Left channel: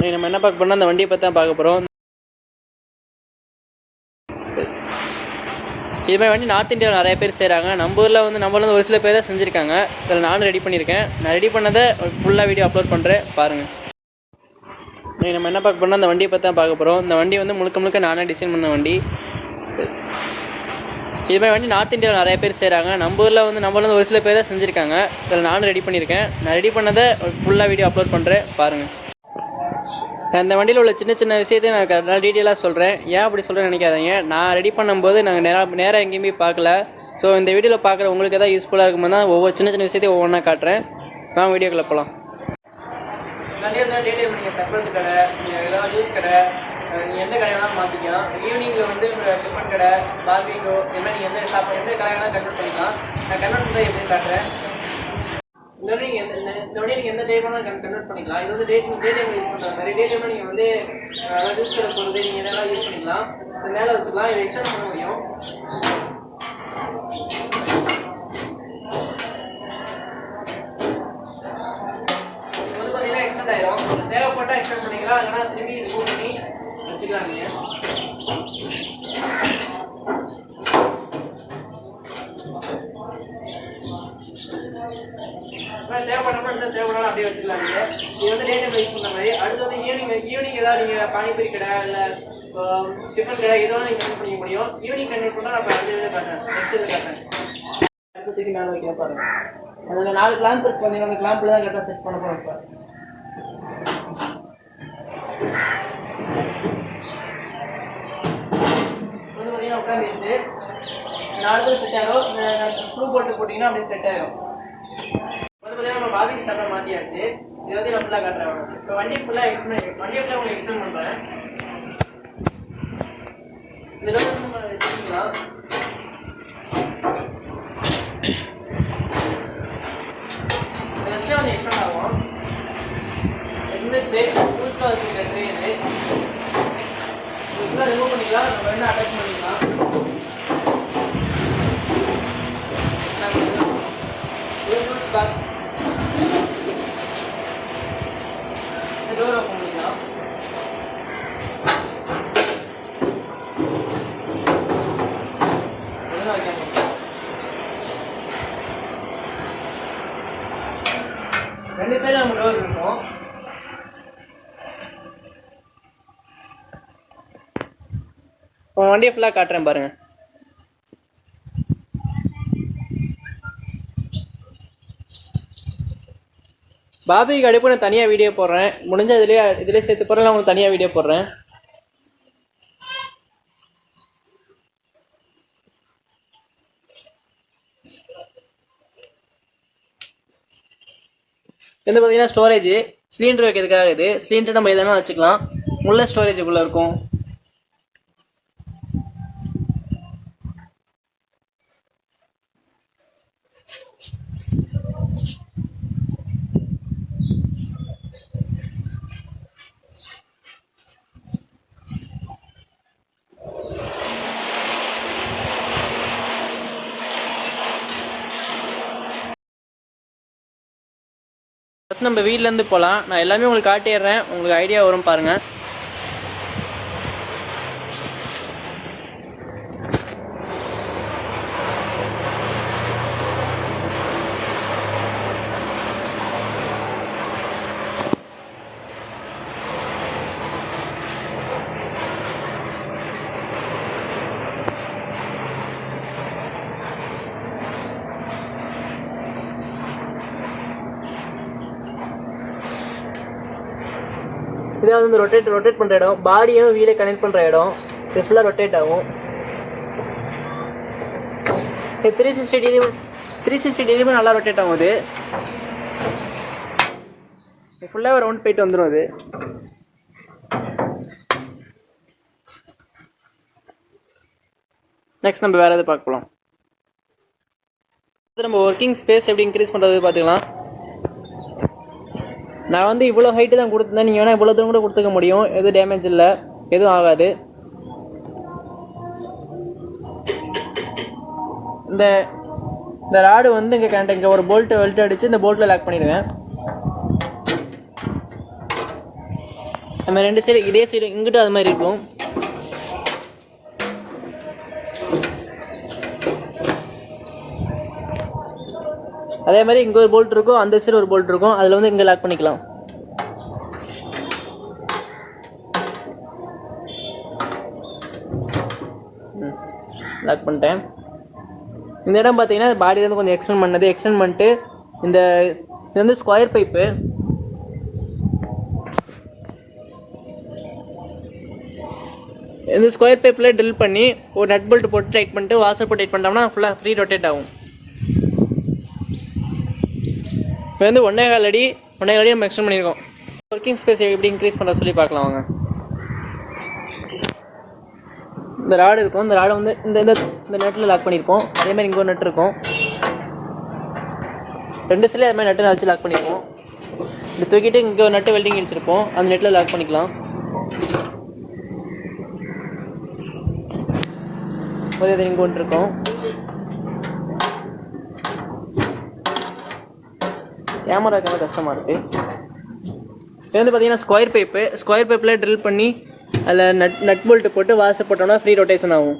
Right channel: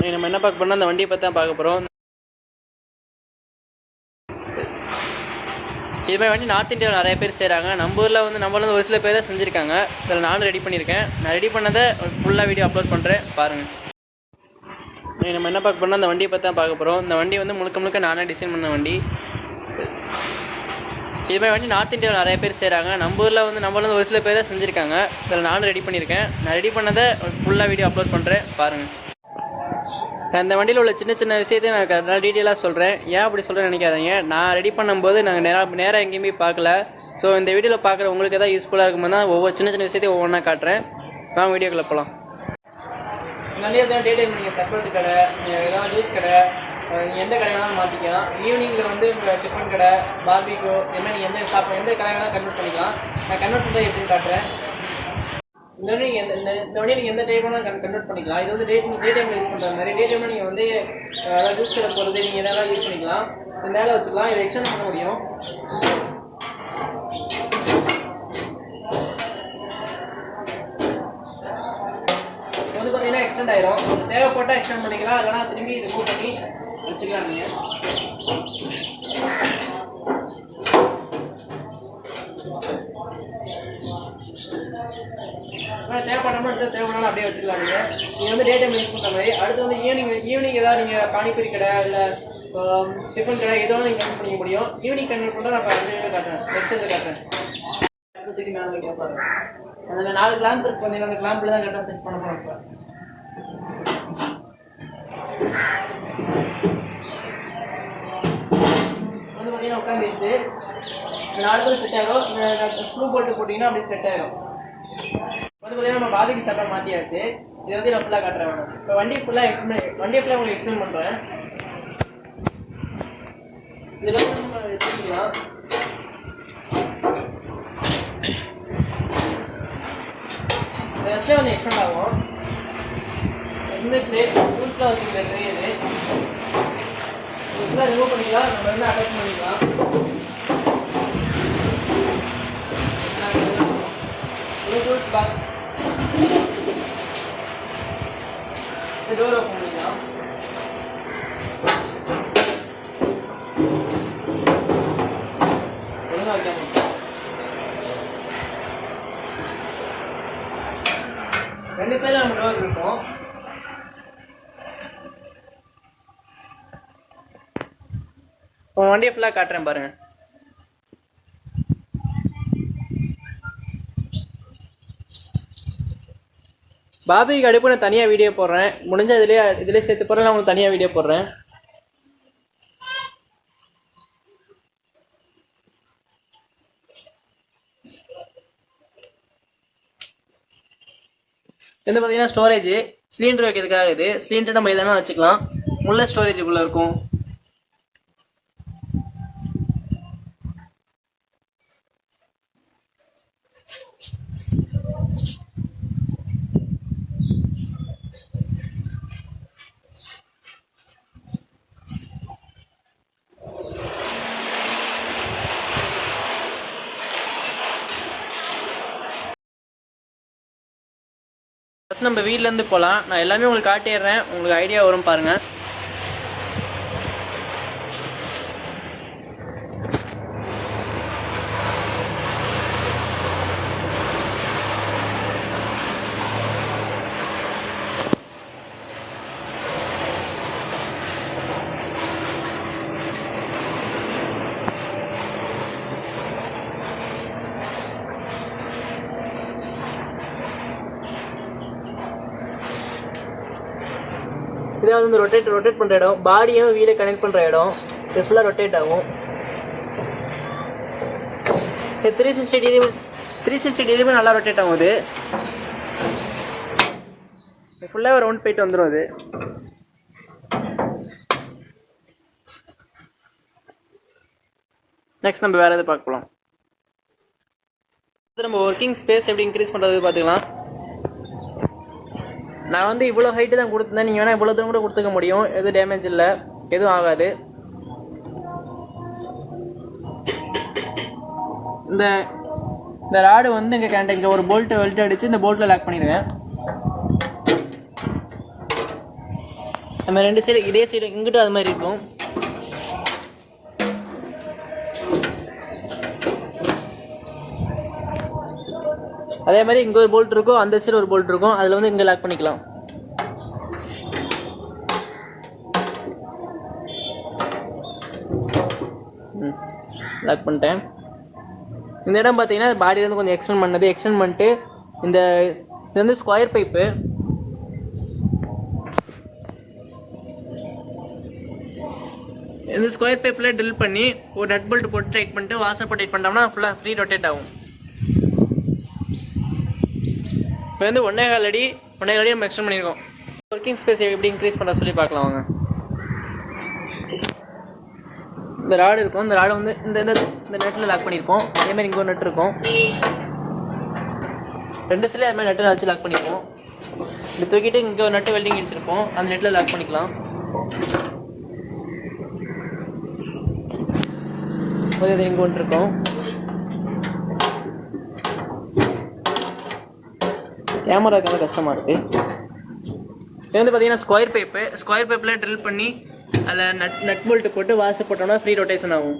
நம்ம என்ன பார்க்க போறோம்னா அந்த வண்டியை பற்றி தான் பார்க்க போகிறோம். இது மாதிரி வண்டி நார்த் இந்தியாவில் நிறைய பேர் செய்கிறாங்க. நம்ம ஊரில் வந்து ஒரு சில பேர் தான் செஞ்சுருக்காங்க. இதில் நானும் ரெடி பண்ணியிருக்கேன். நான் ரெடி பண்ணதை ஃபுல்லாக வீடியோ அப்லோட் பண்ணுறேன், பாருங்கள். நம்ம என்ன பார்க்க போறோம்னா அந்த வண்டியை பற்றி தான் பார்க்க போகிறோம். இந்த வண்டி வந்து முழுக்க நானே டிசைன் பண்ண வண்டி. இது மாதிரி வண்டி நார்த் இந்தியாவில் நிறைய பேர் செய்கிறாங்க. நம்ம ஊரில் வந்து ஒரு சில பேர் தான் செஞ்சுருக்காங்க. இதில் நானும் ரெடி பண்ணியிருக்கேன். நான் ரெடி பண்ணதை ஃபுல்லாக வீடியோ அப்லோட் பண்ணுறேன், பாருங்கள். அந்த வண்டியில் உள்ள சின்ன விஷயத்தையும் நான் டீட்டெயிலாக சொல்கிறேன். ஏன் அப்படி சொல்கிறேன்னு நினைக்காதீங்க. நான் ரெடி பண்ணும்போது நாங்கள் நேராக எங்கேயுமே பார்க்கல. ஸோ இந்த வீடியோவில் பார்க்குற உங்களுக்கு எதாவது யூஸ்ஃபுல்லாக இருக்கும்போது தான் ஒவ்வொரு சின்ன விஷயத்தையும் ஒவ்வொன்றா காட்டுறேன். நான் வீடியோக்குள்ள போகலாம். வண்டியில் தான் டீட்டெயில் நீங்கள் சர்பத்து கடை, ஏதாவது ஜூஸ் கடை, எந்த கடையெல்லாம் மாற்றிக்கலாம். ஈவினிங்கில் வந்து டிஃபன் கடை, பார்பிக்யூ, என்ன எந்த கடையெல்லாம் கன்வெர்ட் பண்ணிக்கலாம். நான் கன்வெர்ட் பண்ணுறது எப்படின்னு காட்டுறேன். இந்த வண்டியை நீங்கள் எந்த டைம் வேணாலும் கன்வெர்ட் பண்ணிக்கலாம். இது வந்து டே டைம் யூஸ் பண்ணுற மாதிரி. டே டைமில் நீங்கள் வந்து ஜூஸ் கடை போகிறது நீங்கள் என்னெல்லாம் யூஸ் பண்ணிக்கலாம். இது மேலே வச்சுக்கலாம். இது எக்ஸ்டெண்ட் பண்ண முடியும். வந்து பார்த்தீங்கன்னா எக்ஸ்டெண்ட் ஆயிரும். தேவைப்பட்டால் எக்ஸ்டெண்ட் பண்ணிக்கலாம். இல்லைனா திரும்பி ரிமூவ் பண்ணி வச்சுக்கலாம். நீங்கள் தேவைப்படாமல் அப்படியே வச்சுக்கலாம். நீங்கள் வந்து டே டைம் யூஸ் பண்ணுற மாதிரி. அடுத்து வந்து ஈவினிங் ஏதாவது நீங்கள் பானிபூரி கடை இல்லை டிஃபன் கடை எதோ நீங்கள் கன்வெர்ட் பண்ணிக்க முடியும். ஈவினிங் கன்வெர்ட் பண்ணால் நான் அடுத்த வீடியோ காட்டுறேன், நெக்ஸ்ட் இதில் காட்டுறேன். அடுத்ததுக்கு மேலே வைக்க பாருங்க. அந்த 4 கிளாம்ப் இருக்கு பண்ணி அந்த கிளாம்பில் தான் கரெக்டாக செட் பண்ண போகிறோம். இப்போ வந்து பார்த்தீங்கன்னா உட்காந்துருச்சு. 4 பேர் செட் ஆகிடும். ஸ்க்ரூ போட்டிங்கன்னா அப்படியே செட் ஆகிடும். வந்து பார்த்தீங்கன்னா நம்ம பாபிக்கு சட்டை மாற்றியாச்சு. இதை வந்து நான் ஃபுல்லாக காட்டுறேன். இப்போ வண்டி ஃபுல்லாக உங்களுக்கு எக்ஸ்பிளைன் பண்ணுறேன். இதில் வந்து நம்ம வச்சுக்கலாம். இந்த விஷயம் கொஞ்சம் எக்ஸ்பெண்ட் ஆகும். எந்த டூல்ஸ்லாம் வச்சுருக்கேன் ட்ரெயின் இது ஃபுல்லாக ரிமூவ் பண்ணிக்கலாம். நம்ம என்ன அட்டாச் பண்ணிக்கலாம். டூல்ஸ் பாக்ஸ் டோர் ஓப்பன் பண்ணிக்கலாம். ஒழுங்காக வைக்காம ரெண்டு சைடு நம்ம டோர் இருக்கும். வண்டியை ஃபுல்லாக காட்டுறேன் பாருங்க. பாபிக்கு அடுப்பு நான் தனியாக வீடியோ போடுறேன். முடிஞ்ச இதிலே சேர்த்து போகிறேன். உங்களுக்கு தனியாக வீடியோ போடுறேன். இது பார்த்தீங்கன்னா ஸ்டோரேஜ் சிலிண்டர் வைக்கிறதுக்காக. இது சிலிண்டர் நம்ம எதனா வச்சுக்கலாம். உள்ள ஸ்டோரேஜ் உள்ள இருக்கும். ஃபஸ்ட் நம்ம வீட்டிலேருந்து போகலாம். நான் எல்லாமே உங்களுக்கு காட்டிடுறேன். உங்களுக்கு ஐடியா வரும் பாருங்கள். இதான் வந்து ரொட்டேட் பண்ணுற இடம். பாடியும் வீலை கனெக்ட் பண்ணுற இடம். இது ஃபுல்லாக ரொட்டேட் ஆகும். 360 டிகிரியுமே நல்லா ரொட்டேட் ஆகும். இது ஃபுல்லாக ரவுண்ட் போயிட்டு வந்துடும். அது நெக்ஸ்ட் நம்ம வேறு எது பார்க்கலாம். நம்ம ஒர்க்கிங் ஸ்பேஸ் எப்படி இன்க்ரீஸ் பண்ணுறது பார்த்துக்கலாம். நான் வந்து இவ்வளோ ஹைட்டு தான் கொடுத்துருந்தேன். நீங்கள் வேணால் இவ்வளோ தூரம் கூட கொடுத்துக்க முடியும். எதுவும் டேமேஜ் இல்லை, எதுவும் ஆகாது. இந்த ராடு வந்து இங்கே ஒரு போல்ட்டு அடித்து இந்த போல்ட்டில் லாக் பண்ணிடுவேன். நம்ம 2 சைடு இதே சைடு இங்கிட்ட அது மாதிரி இருக்கும். அதே மாதிரி இங்கே ஒரு போல்ட் இருக்கும், அந்த சைடு ஒரு போல்ட் இருக்கும். அதில் வந்து இங்கே லாக் பண்ணிக்கலாம். லாக் பண்ணிட்டேன். இந்த இடம் பார்த்தீங்கன்னா பாடியிலேருந்து கொஞ்சம் எக்ஸ்டெண்ட் பண்ணிட்டு இது வந்து ஸ்கொயர் பைப்பு. இந்த ஸ்கொயர் பைப்பில் ட்ரில் பண்ணி ஒரு நட் போல்ட் போட்டு டைட் பண்ணிட்டு வாசர் போட்டு டைட் பண்ணிட்டோம்னா ஃபுல்லாக ஃப்ரீ ரொட்டேட் ஆகும். இப்போ வந்து 1.25 அடி நம்ம எக்ஸ்டெண்ட் பண்ணியிருக்கோம். ஒர்க்கிங் ஸ்பேஸ் எப்படி இன்க்ரீஸ் பண்ணுற சொல்லி பார்க்கலாம் வாங்க. இந்த ராடு இருக்கும், இந்த ராடை வந்து இந்த நெட்டில் லாக் பண்ணியிருப்போம். அதேமாதிரி இங்கே ஒரு நட்டு இருக்கும், 2 சைடில் அது மாதிரி நட்டு வச்சு லாக் பண்ணியிருப்போம். இப்படி தூக்கிட்டு இங்கே ஒரு நட்டு வெல்டிங் அடிச்சிருப்போம், அந்த நெட்டில் லாக் பண்ணிக்கலாம். அது இங்கே ஒன்று இருக்கும். கேமரா கஷ்டமாக இருக்குது. இது வந்து பார்த்தீங்கன்னா ஸ்கொயர் பைப்பில் ட்ரில் பண்ணி அதில் நட் போல்ட்டு போட்டு வாசர் போட்டோம்னா ஃப்ரீ ரொட்டேஷன் ஆகும்.